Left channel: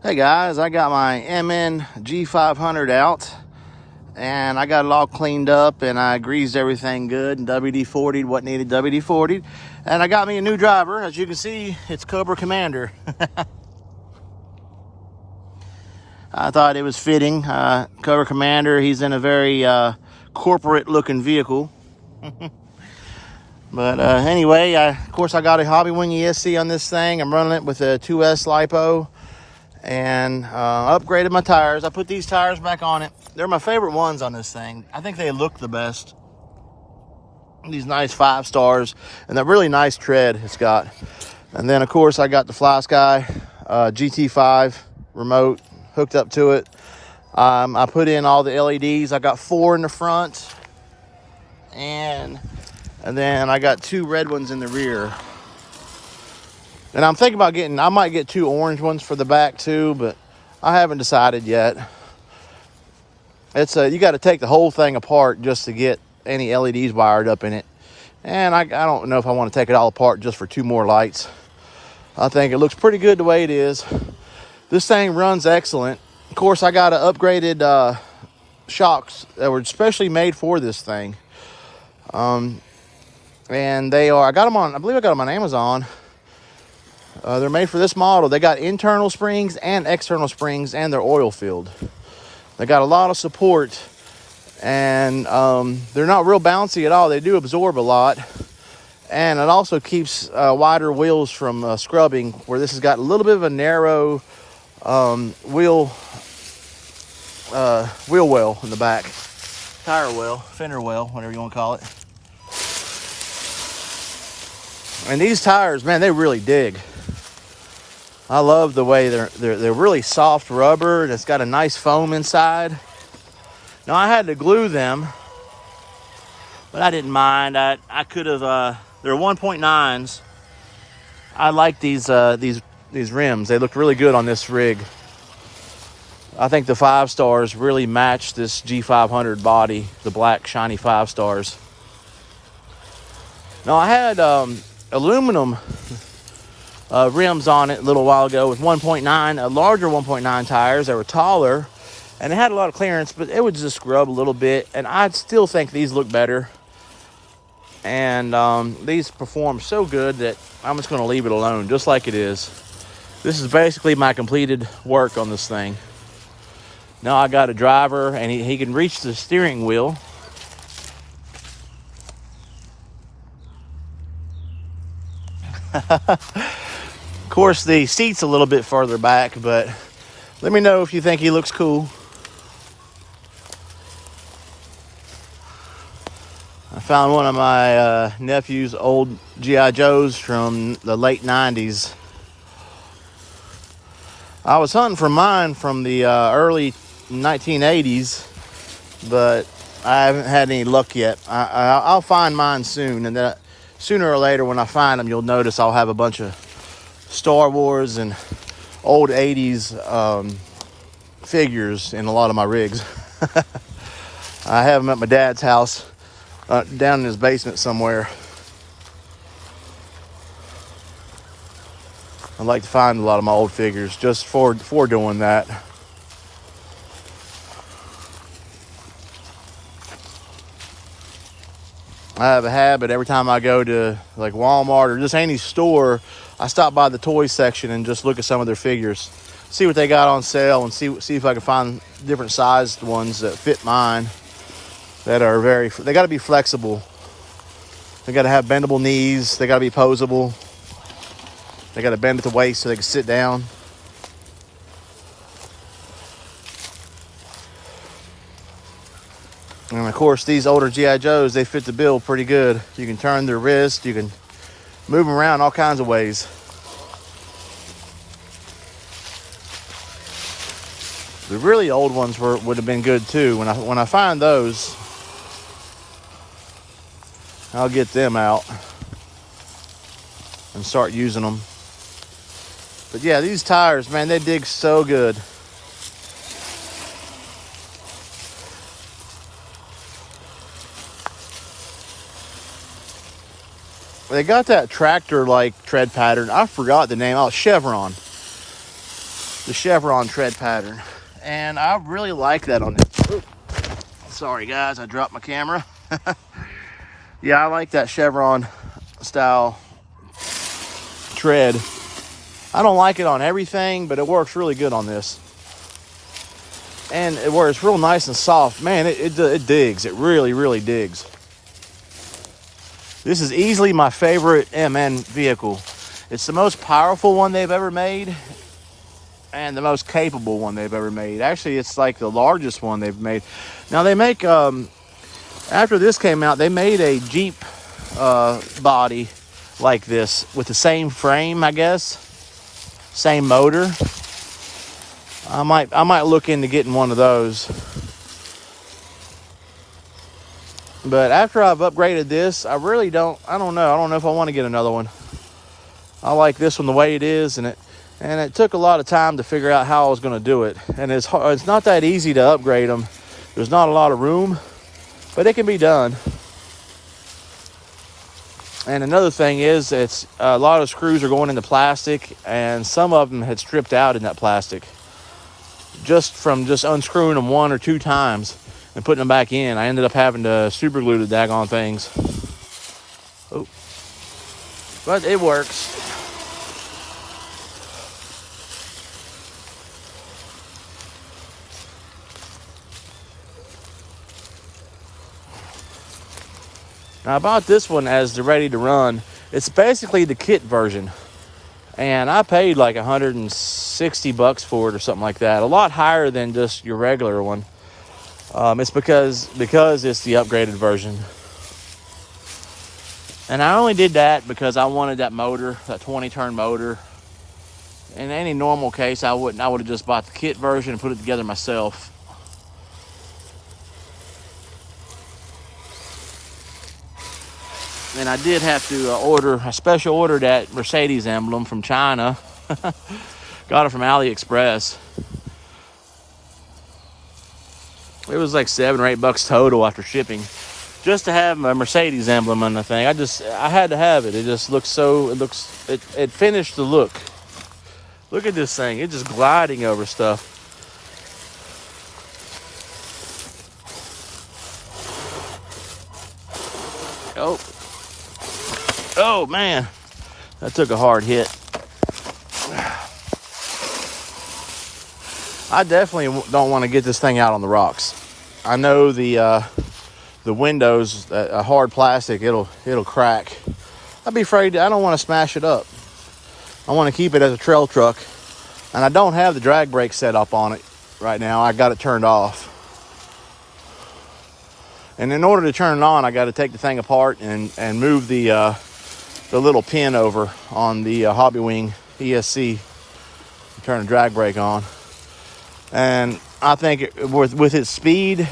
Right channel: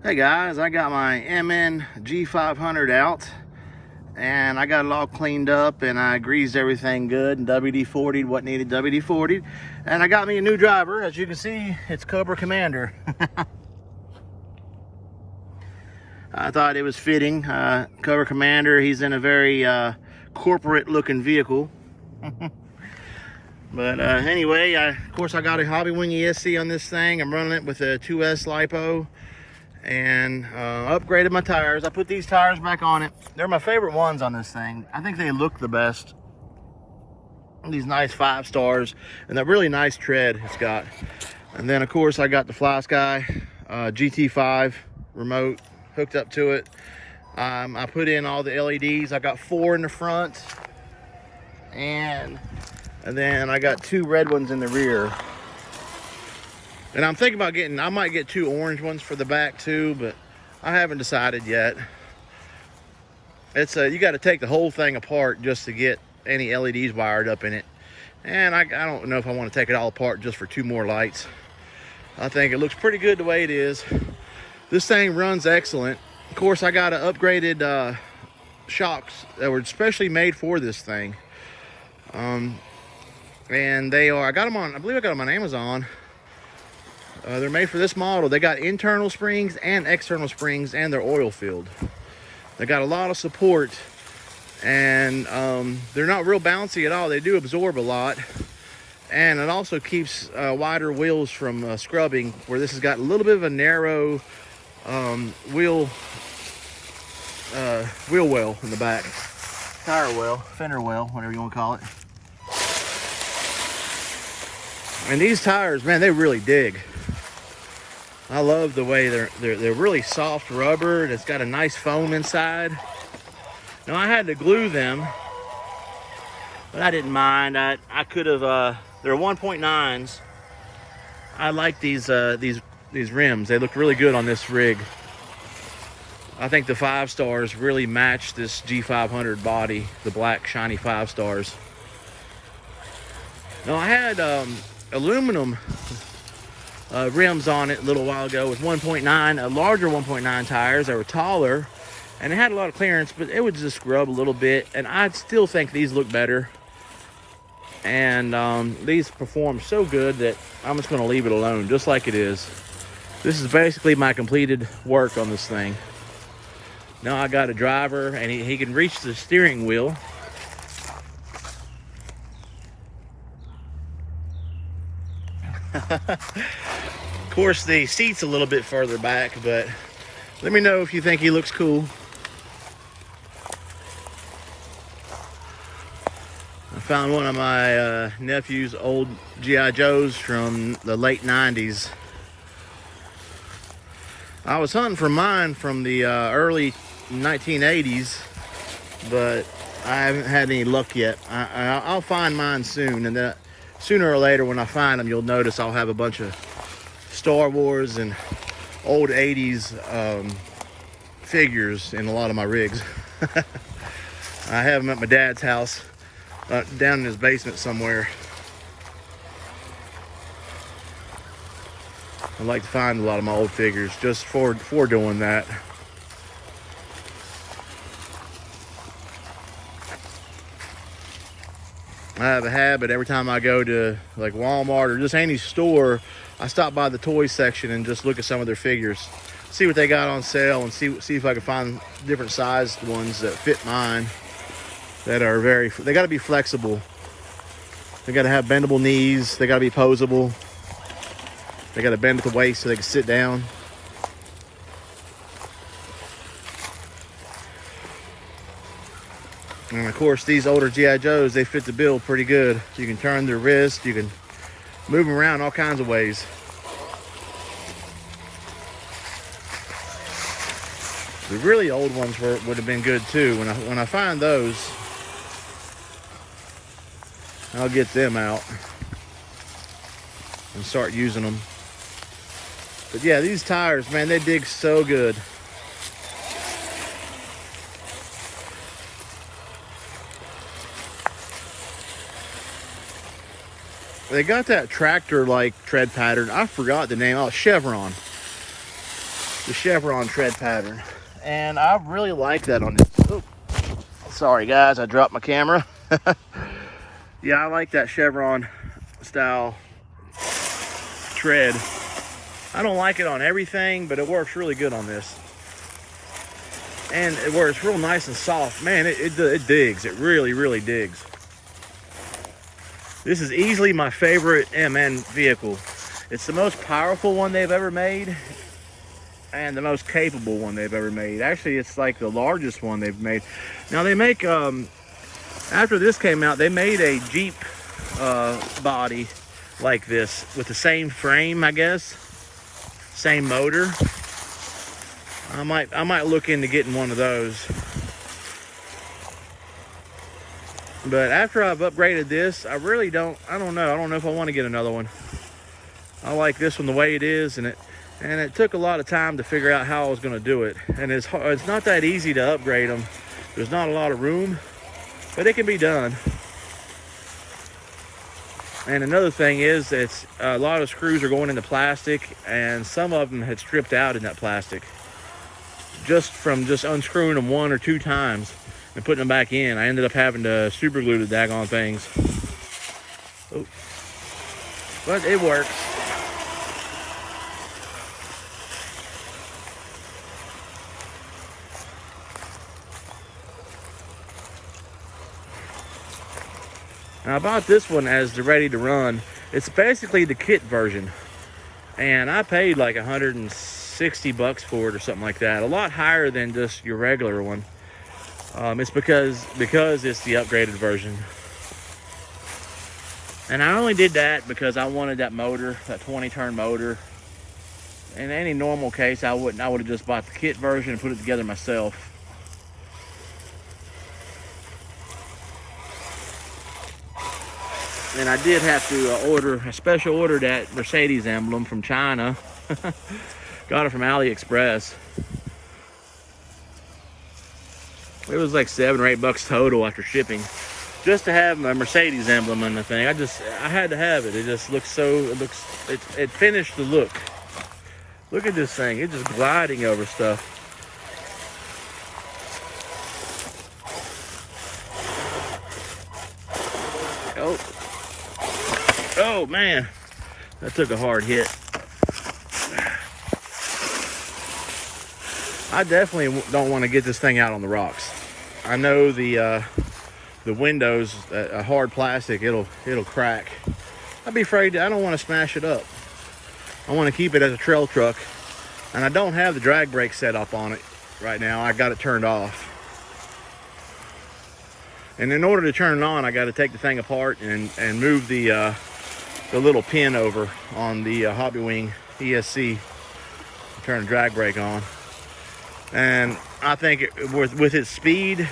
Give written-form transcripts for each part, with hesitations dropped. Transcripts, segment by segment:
Hey guys, I got my MN G500 out and I got it all cleaned up and I greased everything good and WD-40'd what needed WD-40'd. And I got me a new driver. As you can see, it's Cobra Commander. I thought it was fitting. Cobra Commander, he's in a very corporate looking vehicle. But anyway, of course I got a Hobby Wing ESC on this thing. I'm running it with a 2S LiPo. And upgraded my tires. I put these tires back on it. They're my favorite ones on this thing. I think they look the best. These nice 5 stars and that really nice tread it's got. And then of course I got the Fly Sky GT5 remote hooked up to it. I put in all the LEDs. I got 4 in the front and then I got 2 red ones in the rear. And I'm thinking about I might get 2 orange ones for the back too, but I haven't decided yet. You got to take the whole thing apart just to get any LEDs wired up in it. And I don't know if I want to take it all apart just for 2 more lights. I think it looks pretty good the way it is. This thing runs excellent. Of course, I got upgraded shocks that were specially made for this thing. And I believe I got them on Amazon. They're made for this model. They got internal springs and external springs, and they're oil filled. They got a lot of support, and they're not real bouncy at all. They do absorb a lot, and it also keeps wider wheels from scrubbing, where this has got a little bit of a narrow wheel well in the back. Tire well, fender well, whatever you want to call it. And these tires, man, they really dig. I love the way they're really soft rubber and it's got a nice foam inside. Now I had to glue them, but I didn't mind. I could have. They're 1.9s. I like these rims. They look really good on this rig. I think the 5 stars really match this G500 body, the black shiny 5 stars. Now I had aluminum rims on it a little while ago with 1.9, larger 1.9 tires. They were taller and it had a lot of clearance, but it would just scrub a little bit. And I still think these look better. And these perform so good that I'm just going to leave it alone just like it is. This is basically my completed work on this thing. Now I got a driver and he can reach the steering wheel. Of course, the seat's a little bit further back, but let me know if you think he looks cool. I found one of my nephew's old G.I. Joes from the late 90s. I was hunting for mine from the early 1980s, but I haven't had any luck yet. I'll find mine soon, and then sooner or later when I find them, you'll notice I'll have a bunch of Star Wars and old 80s figures in a lot of my rigs. I have them at my dad's house, down in his basement somewhere. I like to find a lot of my old figures just for doing that. I have a habit every time I go to like Walmart or just any store, I stop by the toy section and just look at some of their figures, see what they got on sale, and see if I can find different sized ones that fit mine. That are they got to be flexible. They got to have bendable knees. They got to be posable. They got to bend at the waist so they can sit down. And of course, these older G.I. Joes, they fit the bill pretty good. You can turn their wrist, you can move them around all kinds of ways. The really old ones would have been good too. When I find those, I'll get them out and start using them. But yeah, these tires, man, they dig so good. They got that tractor-like tread pattern. I forgot the name. Oh, Chevron. the Chevron tread pattern. And I really like that on this. Ooh, sorry guys, I dropped my camera. Yeah, I like that Chevron style tread. I don't like it on everything, but it works really good on this. And it works real nice and soft. Man, it digs. It really, really digs. This is easily my favorite MN vehicle. It's the most powerful one they've ever made and the most capable one they've ever made. Actually, it's like the largest one they've made. Now they make, after this came out, they made a Jeep body like this with the same frame, I guess. Same motor. I might look into getting one of those. But after I've upgraded this, I don't know if I want to get another one. I like this one the way it is, and it took a lot of time to figure out how I was going to do it. And it's not that easy to upgrade them. There's not a lot of room, but it can be done. And another thing is, it's a lot of screws are going into plastic, and some of them had stripped out in that plastic. Just from unscrewing them 1 or 2 times and putting them back in, I ended up having to super glue the daggone things. Oh. But it works. Now I bought this one as the ready to run. It's basically the kit version. And I paid like $160 for it or something like that. A lot higher than just your regular one. It's because it's the upgraded version. And I only did that because I wanted that motor, that 20-turn motor. In any normal case, I would have just bought the kit version and put it together myself. And I did have to I special ordered that Mercedes emblem from China. Got it from AliExpress. It was like $7 or $8 total after shipping, just to have a Mercedes emblem on the thing. I had to have it. It just looks so. It finished the look. Look at this thing. It's just gliding over stuff. Oh man, that took a hard hit. I definitely don't want to get this thing out on the rocks. I know the windows, hard plastic, it'll crack. I'd be afraid. I don't want to smash it up. I want to keep it as a trail truck, and I don't have the drag brake set up on it right now. I got it turned off. And in order to turn it on, I got to take the thing apart and move the little pin over on the Hobby Wing ESC. Turn the drag brake on. And I think with its speed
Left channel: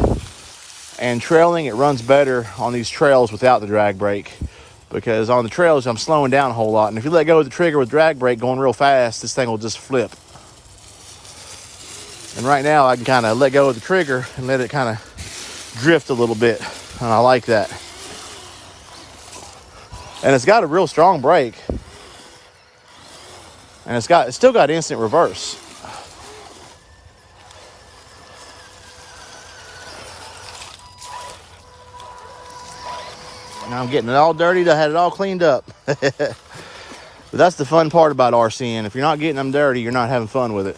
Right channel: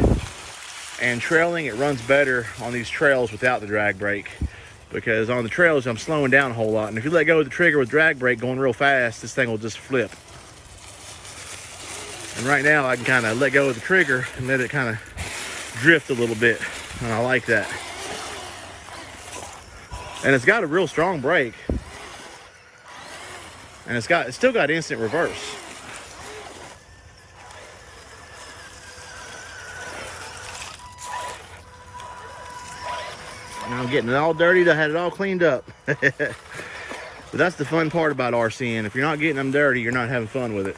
and trailing, it runs better on these trails without the drag brake. Because on the trails, I'm slowing down a whole lot. And if you let go of the trigger with drag brake going real fast, this thing will just flip. And right now, I can kind of let go of the trigger and let it kind of drift a little bit. And I like that. And it's got a real strong brake. And it's still got instant reverse. Now I'm getting it all dirtied. I had it all cleaned up. But that's the fun part about RCing. If you're not getting them dirty, you're not having fun with it.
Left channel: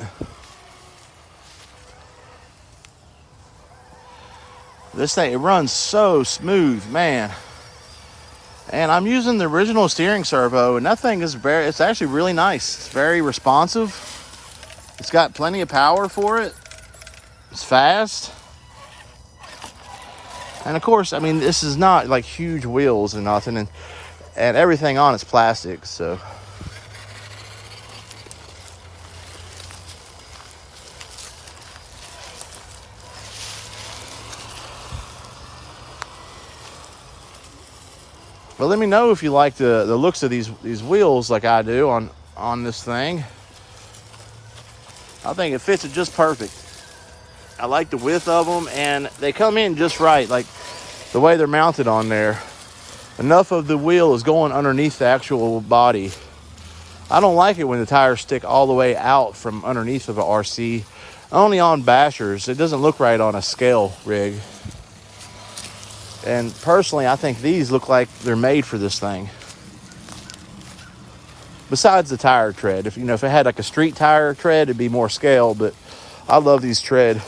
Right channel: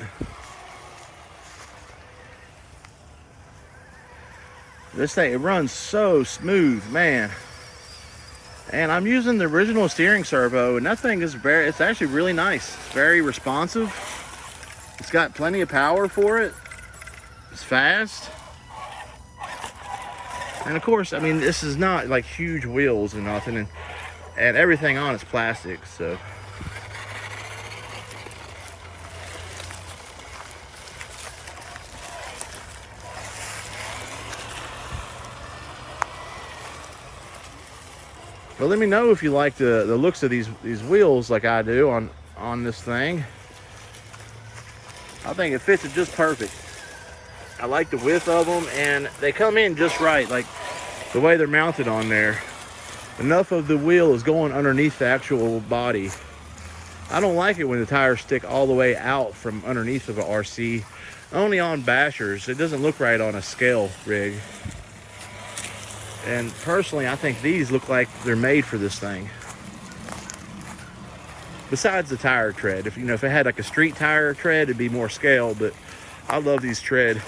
This thing, it runs so smooth, man. And I'm using the original steering servo, and that thing is it's actually really nice. It's very responsive. It's got plenty of power for it. It's fast. And of course, I mean, this is not like huge wheels and nothing, and everything on it's plastic, so. But let me know if you like the looks of these wheels like I do on this thing. I think it fits it just perfect. I like the width of them, and they come in just right, like the way they're mounted on there. Enough of the wheel is going underneath the actual body I don't like it when the tires stick all the way out from underneath of an RC. Only on bashers. It doesn't look right on a scale rig. And personally, I think these look like they're made for this thing. Besides the tire tread, if it had like a street tire tread, it'd be more scale. But I love these tread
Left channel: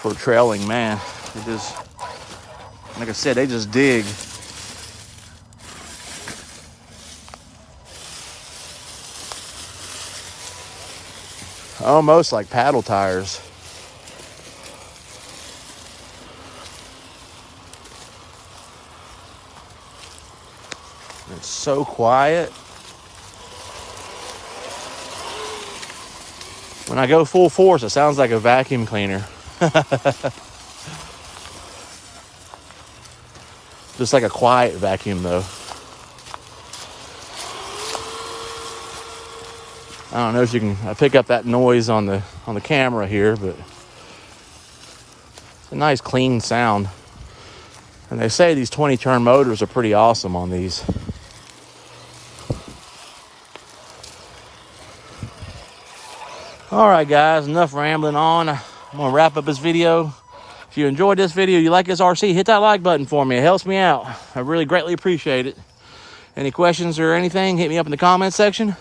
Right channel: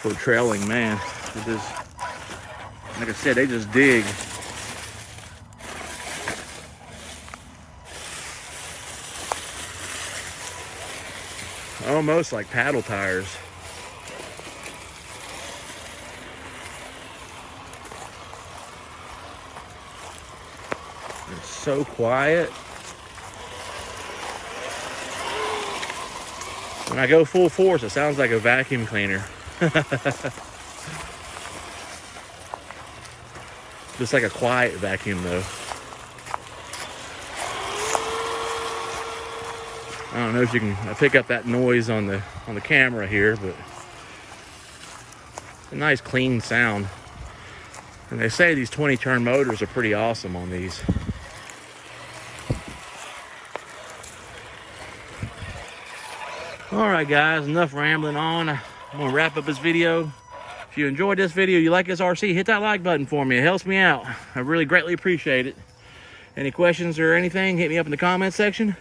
for trailing, man. It just, like I said, they just dig. Almost like paddle tires. They're so quiet. When I go full force, it sounds like a vacuum cleaner. Just like a quiet vacuum though. I don't know if you can pick up that noise on the camera here, but it's a nice clean sound. And they say these 20-turn motors are pretty awesome on these. All right, guys, enough rambling on. I'm gonna wrap up this video. If you enjoyed this video, you like this RC, hit that like button for me. It helps me out. I really greatly appreciate it. Any questions or anything, hit me up in the comment section.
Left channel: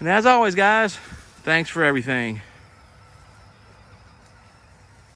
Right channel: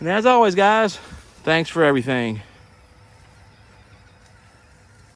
And as always, guys, thanks for everything.